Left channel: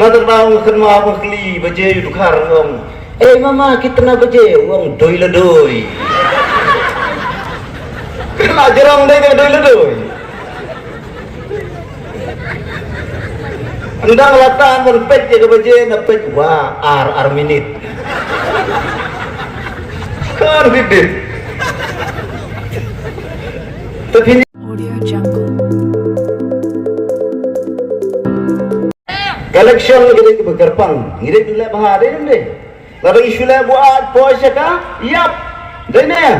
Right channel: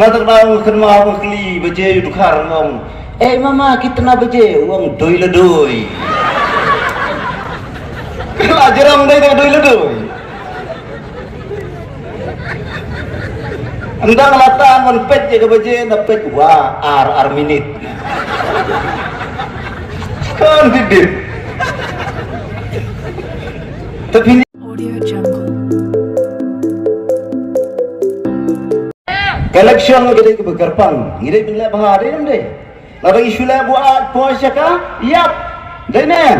Nada tahu kenal keli baje dukar wong. Mama kita na baje wong doi la doi. Kena jeram doi na doi la doi. Andang latan man pet je baje na pet wa ar minit. Kan bibit. Tapi Audio Jungle. election kita ke Bekarpang, ngirit nilai bahari ni. Lalu isu lah buat puasa kah? Yap, jangan.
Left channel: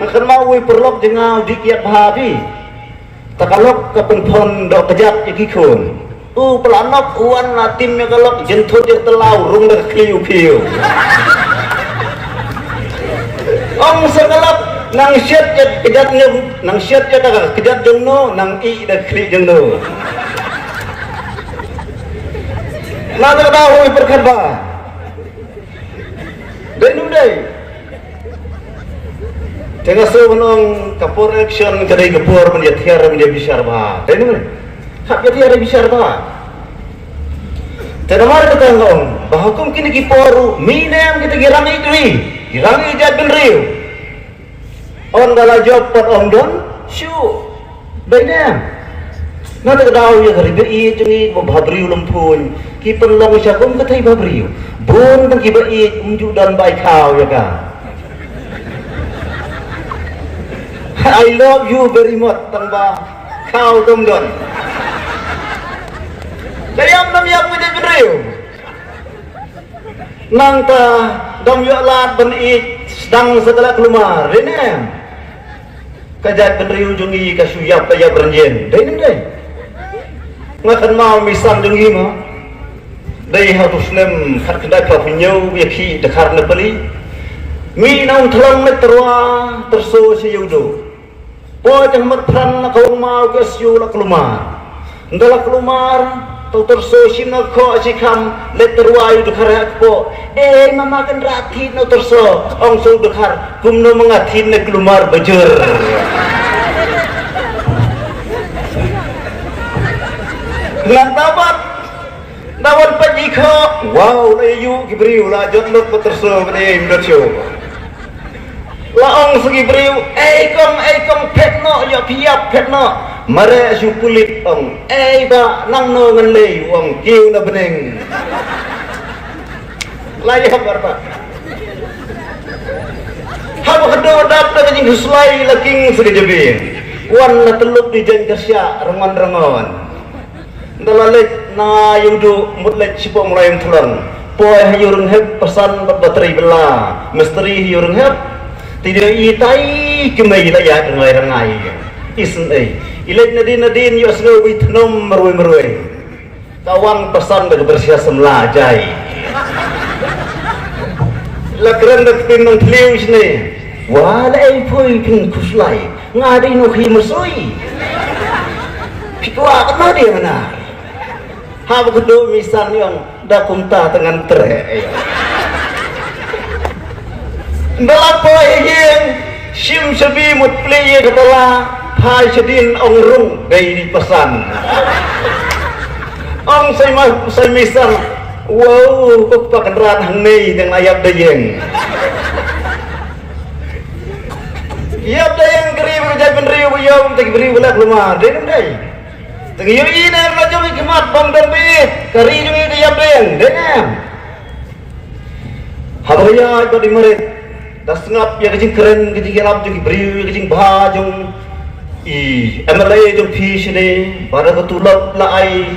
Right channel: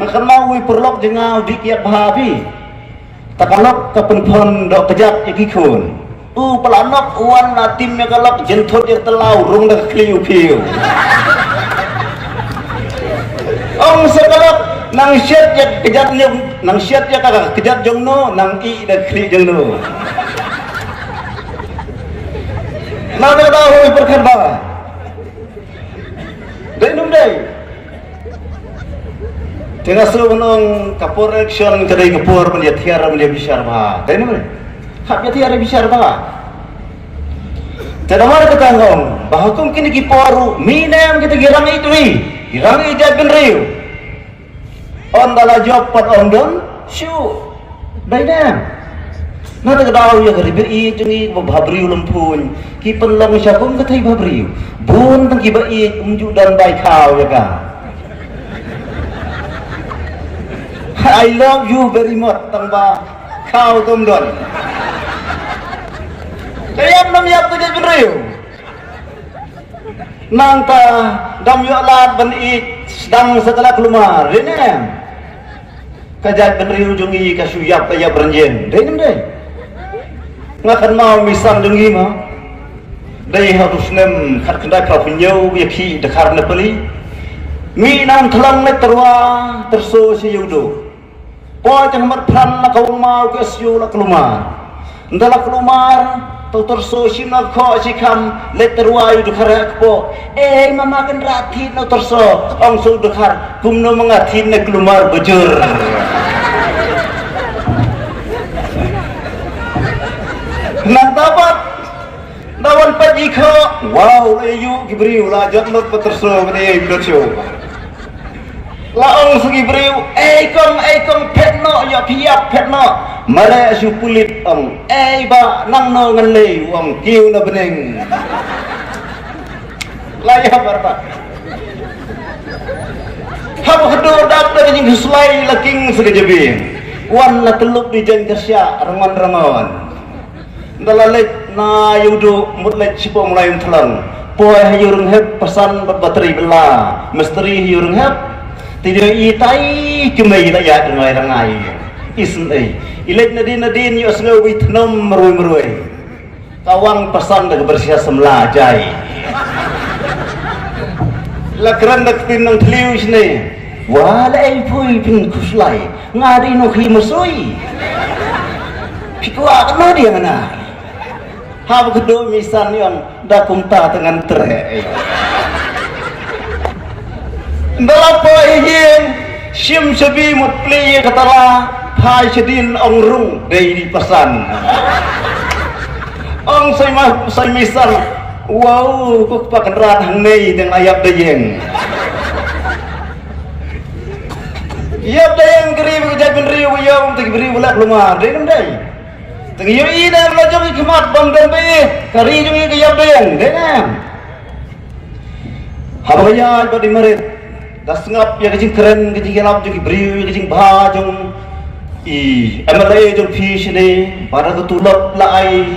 Makan mau perlok jangan dikiat bahari. Takalok kepenpon dok kejap ikikun. Pelanok uan natimnya kalau jentut dia telau rung dah kliu piu. Sekalak nang siat ya kejatnya, nang siat ya kagak kejat jengno, nang i dah kli jengno. Nada tahu berkata. Denum dai. Tengah sebelum kapur action kedai kapur menjadi besar bah. Denum. Hak jadi besar bah. Tidak mana kita ngom. Bahakum kini kiparu. Mina yang kita girang itu ni. Girang ijat benriu. On dalam job pot on don. Show. Baiknya. Nada tahu ya keribet ini babri lumpun. Kipen lang siya kung katay babri. Bun tang kibait unjuk dan baik kau ya kan. I love you very much tang ba kau tumdon. Kayam nam yak ko babri. Nang ta dam yo lat ban ik sedang setelah keluar. Ini kajat babri ujungi kasuyap kaya beranjen. Deh. Ngakan mau misang dengi ma dai harus nem khat kena kau punya yaki dekar nepeli mi nang telang meterwa terso si yudo po jang merpran kau mau ke siu la kelumar ndala kelumar tu terso si nak ko si kan leterwa yudo karak po mama kan rati no terso ong so dekar kumno mengatin ne kelumar bejur. Nantapat nawan pagi kau wow leyu gibriu la jotlot peterso kene imdotyo laong sugibriu kom petno yo kiap petno mare su kulit ong ba nang no ngelei wong kiu na beneng layak berapa hab hadu dak na kini guslai laking segejebing wan na teluk di jengkersya rangon dalalek na yudo mutlet sipo mulai telan poe hayurun heb pesan bateri bela misteri hayurun heb tidak itai kemai daya dengai rangai isen ilet nadin yo sengo witnom merui kawang pesan dari bersia semlajai lakran dak pinong tliu sini walai pui pin kuslai ngadi no krimusui pitwa kena dia mana. Hab kedua misal yang dah kunta dengan terai. Dalam perihim sim sebi mutli katalah hai sedin ongrung dari pesan. Ong saya misal wow kok pakai rat hangmei dengan ayat dayeng. Ayat dayeng geriu jadi geriu yang tak geriu nak lumah dayeng day. Tengiri dan lajur kemat bang dambe kari juga dia bayang dengan habaya badi merit dah sengap ya kecing keren kecing gelap juga beriu kecing bahajung MLA jung fish ni pada ketulap lai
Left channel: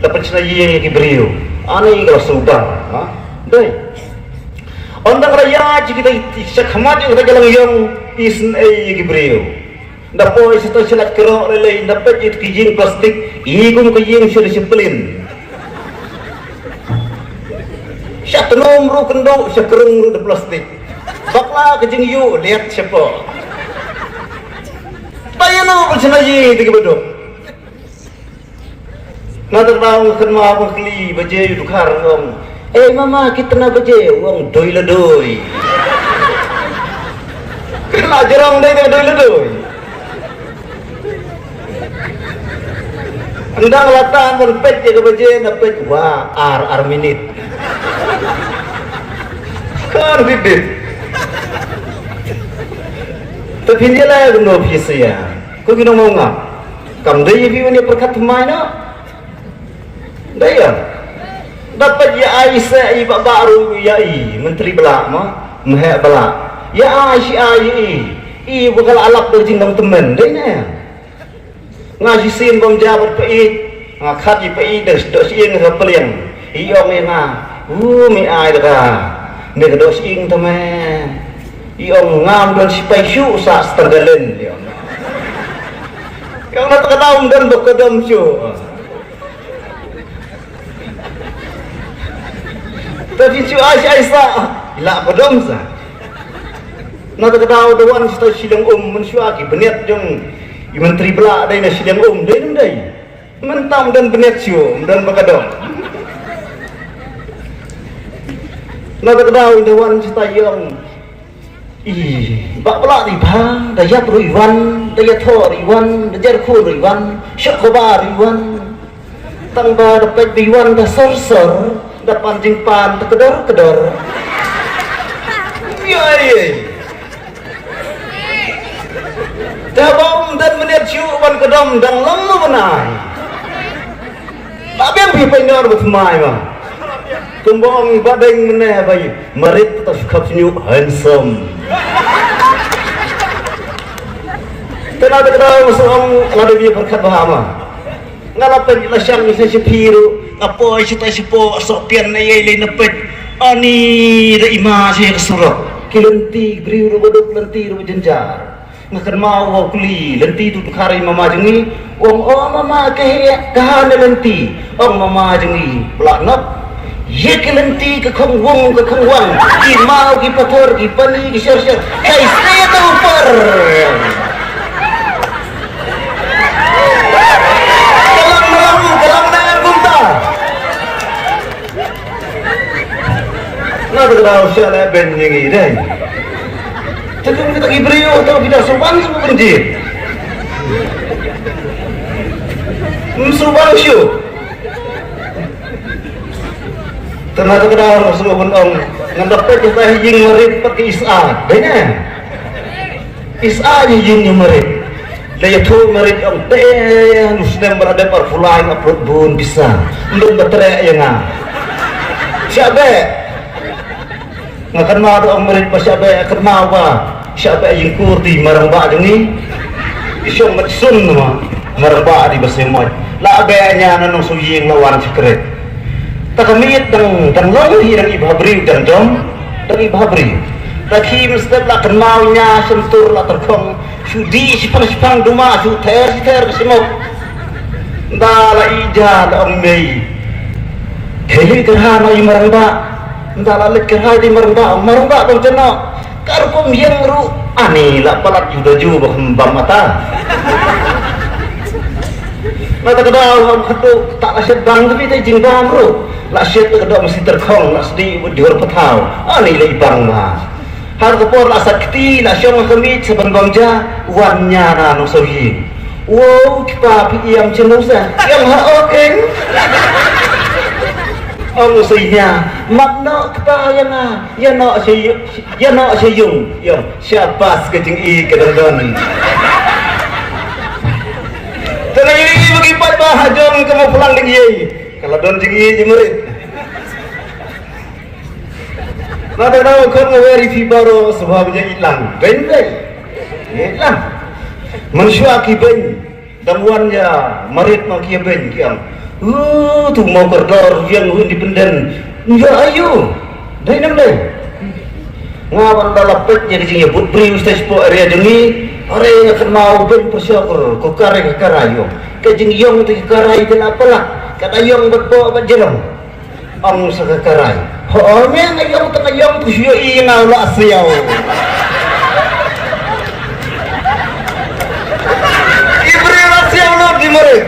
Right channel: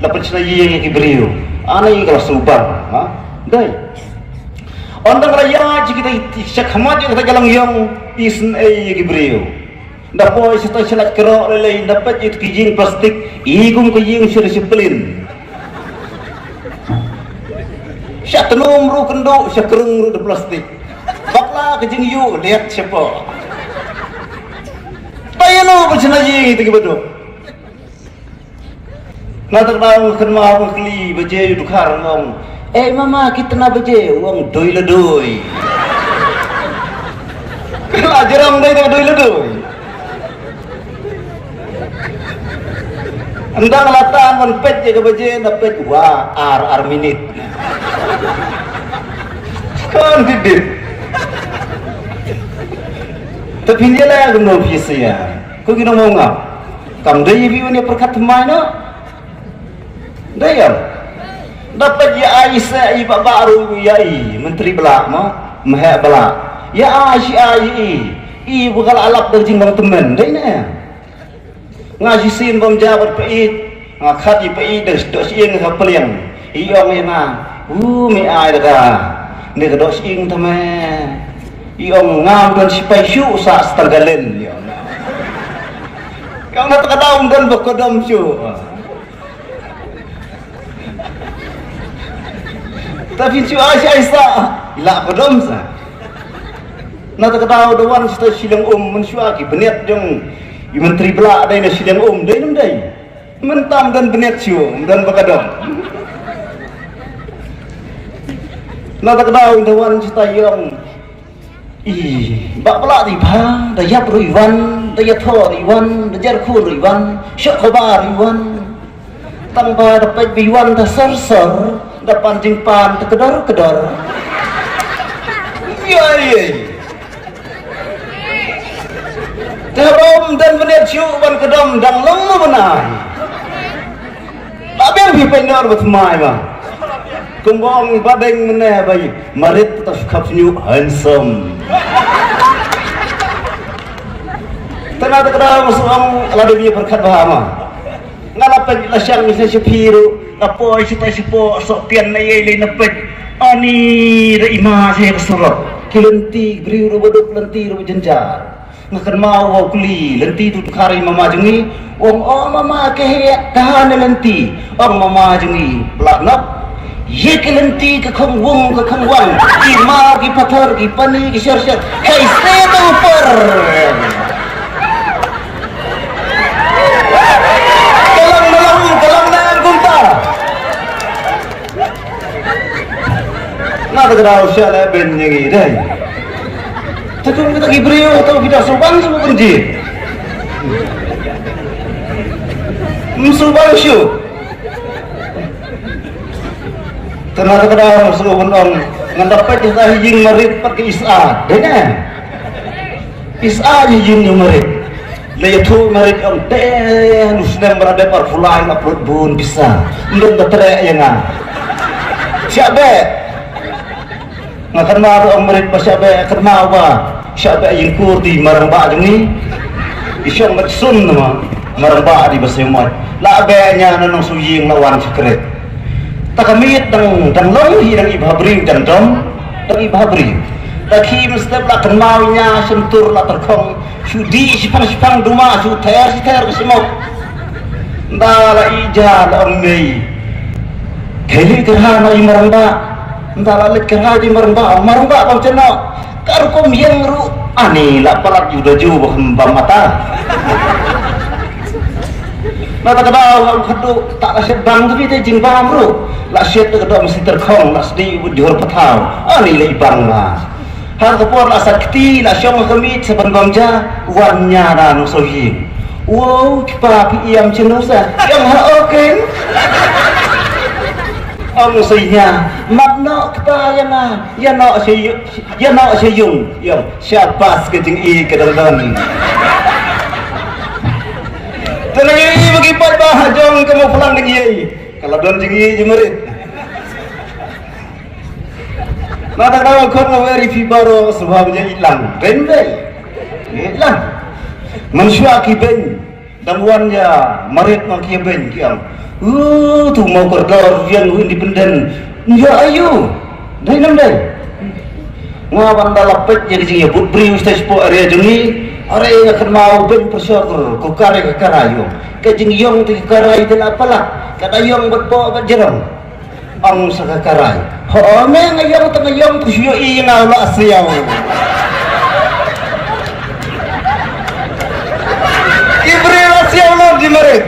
dapat senai yang beriu aneh kalau subang dai onda raya kita sakhamat kita galang yang isn yang beriu dapat itu selat kerok lelai dapat itu kijing plastik igum kijing sudah sepelin syatenum ru kendo syakereng ru plastik bakla kijing yu lihat siapa tayano bersenaji tiga bedok nada tahu kenal keli baje dukar wong mama kita na baje wong doi la doi kena jeram doi la doi Endang latan menpet je kebaje dapat wah ar minit. Kan bibit. Tapi dia lah guna biasa ya. Kau guna mau ngap? Kamu dah jadi ni perkat mana? Dah ya. Dapat ya Aisyah ibu baru ya menteri belak mo, mahal belak. Ya Aisyah ibu kalau alap berjinggang teman, dah ni. Ngaji sim bom jawab peit, ngakati peit dos ing sapelian. Iya memang, mi ai dah. Nek dos ing teman. Yang ngam dan si paisu sa setenggalan yang nak kedam dan berkedam su tapi si Aisyah la kedam sa nak kedam dewan sta sidang mensuaki benet jeng menteri belak dai sidang dai mentam dan benet su dan berkedam nak kedam dewan sta yang bak pelak riban, daya riban, daya thor riban, daya khur riban, syakhobar riban, tanpa dapat riban dasar dapat jingpan kedar. Ya ye. Dalam dan menit syuban kedam dan lemu menai. Tak biar benar bersemai bang. Kembang badeng meneh bayi marit tas kapsnyu handsome Tengah-tengah musuh lalu dia berkata apa ngalapan lasyang bisa sepiru apa cita sepo sopian na yele napet ani da ima saya kesulok kilenti beriu bodok lenti ro jenja ngakan mau kuli lenti tu hari mama jengi wong mama kahana lenti mama jengi pelaknat ye kelenti ke khang wong ki mau ki pathar ki pani ki syar kai straight upar kalam na gumta na berau syala ben ngi dai tapi kita ibrio atau kita sopan sepunji musuh syu ternyata kadang musuh orang ngandapat kita hijing marip pakai is'a dene is'a hijing marip laya tu marip ang teh muslim berada par fulai ngaput bun bisa belum berterak yang siapa ngakan maru ang marip siapa kerma apa siapa yang kurdi marang ba ni isyong matsun marang ba di besemot labenya nanong suying lawan sekret takamit dan lawi dan ibhabri dan ibhabri taki mesti lah kenalnya sentur lah terkong sudi sipang duma su ter semua ndala ija lammei kini kerana imaranda ndala lek kerana imaranda bang ceno karkum yang ru ani lah parat juda ju bang mata mata kedau kudu tak asyik bang tapi dia jingkang ru nak syet tu kedua mesti terkong nak sedih jual petang ani lagi bang mas har kapor lah sakti lah syong kami sebangja wannya dah nusohi wow kita piam cenusa yang oke nusohinya makna kita yang nak seyung ya siapa sekecing kedang terus ini bagi pada jom kamu pulang lagi kalau belum tinggi jemerit maka tahu kau ngawari fi baro sebabnya hilang hilang manusia kiben dan wannya marit makia ben kiam tu mau berdor yang independen ya ayo dari nang ngawan dalapet jadi jingnya but beri ustaz po area jengi area kenal ben bersyukur ko kare karayo ke jing yong ti karai dan apalah kata yong berpo berjerang ang sa karai ho me ngayong to ngayong to yo ingaw la asyaw ibre asyaw lo di mare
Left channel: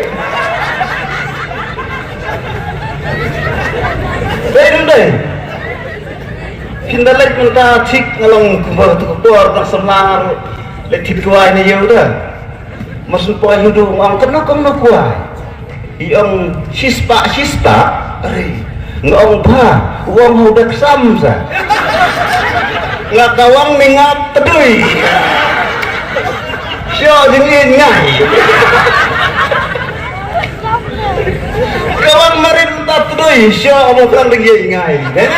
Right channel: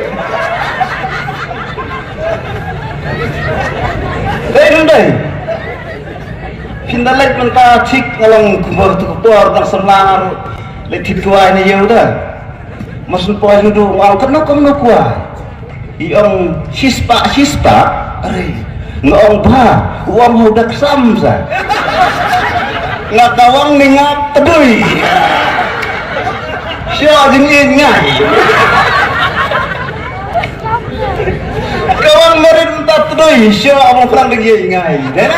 dai kindalek menta cik ngalang kumbar tu keluar tersenar letit kuah ini ya udah maksud poa hidup mau kena kuah Yang sispa, ngong ba, uang hudak samsa, ngakawang mingat pedui, siapa dingin ngai, kawan merintah pedui, siapa makan lagi ngai, deh.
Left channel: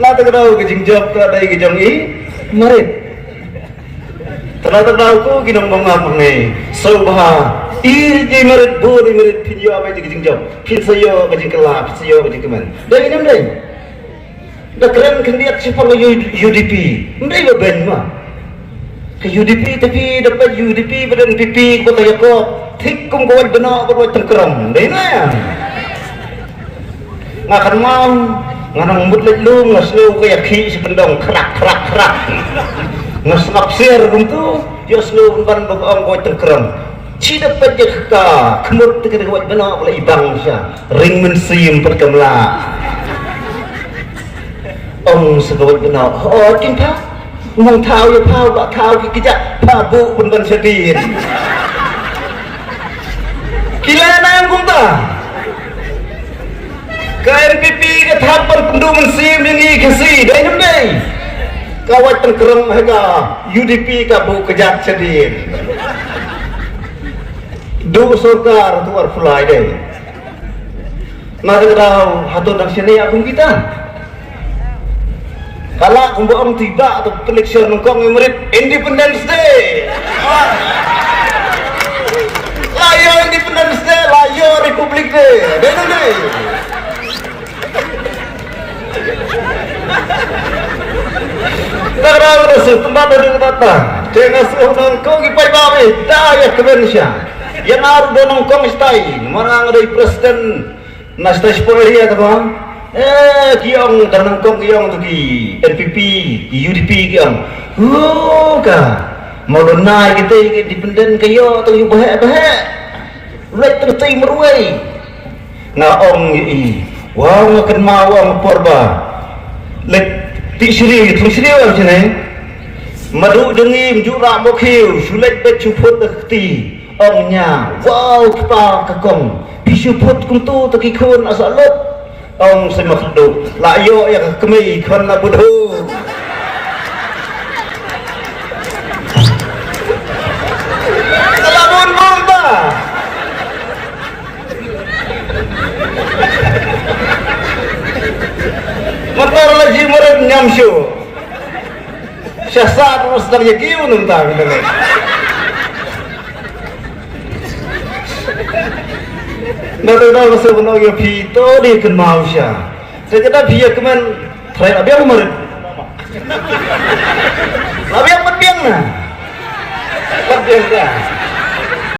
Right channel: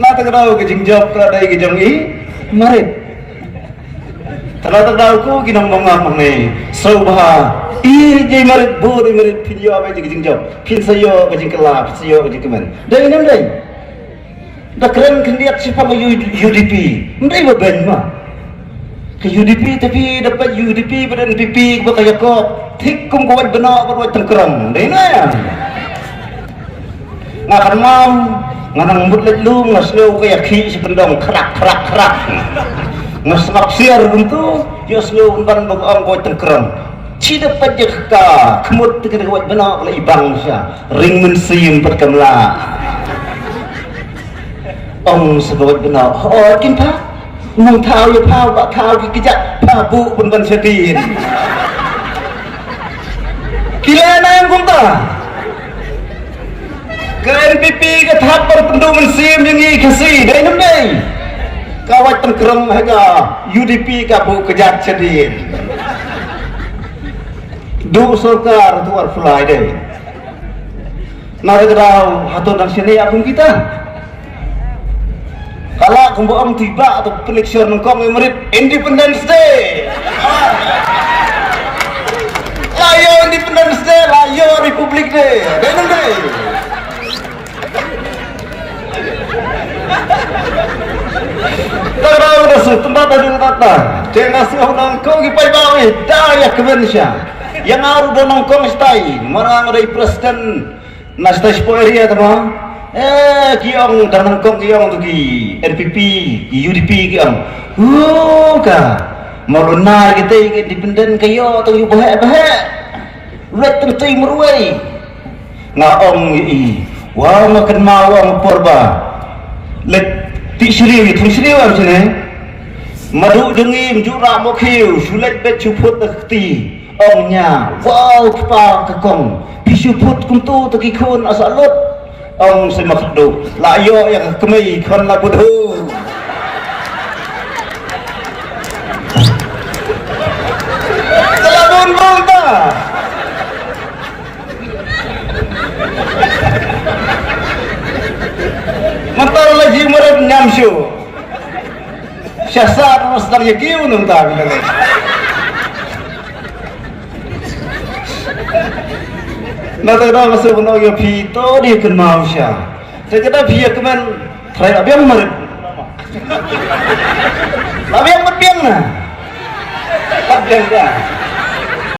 Nata kadau kejing jawab tu ada kejong i, merit. Ternyata tahu kinong mengapa ni, sobha. Iji merit bori merit video apa itu kejing jawab, pin sayo kejing kelap, sayo kejing keman. Dah ini dah. Dah keren kendiat si pang UDP, mereka ben mah. Ke UDP tapi dapat UDP pada NPP kau kaya kau, tik kum kau benar kau tengkeram, dah ini ya. Ngakan mau, ngarang mutlet lu ngaslo kaya ki si pendang kerak. Ngasmak siar untuk, yo slow barang kau tengkeram. Cida pajak ka kemut kita buat benar oleh ibang siya ring mensim perkemla sebuat benar kimpa umang tahu ya tahu bak tahu kejak pabu pun kan sedih kila na yang kumpa KNPP ketahapan penduk mensim ini kasih dah ini kawat tengkerang hanya UDP kabu kejak sedih dua sokar tu fly deh. Mari kita hatur dan sini akung kita. Kalau kumpulan tiba atau election nongkong merit Independence Day. Layo Independence Day, layo Republik Day. Deh deh. Kalau udah setempat ada datang, jangan seorang kau kipai bawa daya kebencian. Yang ada dan nongkong istai, orang ada presiden nastai seporia teman. Kiong dan nongkong kiong tu ki NPP, UDP kiong. Ka, mau naik kita independen kayo tu you bahaya. Ulat tertai meruai. Ngaong i, wah makan mawang porba. Lek tisri macam ni. Madu dengim jura mokhiu, sulit becuput dekti. Ongnya, wow kita kekong, bisuput kuntu tekikun asalut. Ong semakdo, layo yang kemai kan labudhu. Selamun bangta. Matar lagi merek nyamsyu. Syasat rasanya kiu nentang. Nada masuk menogak pito di kenal siya. Saya kata dia kemen, saya abang merit. Abang matiang na, matiang dah.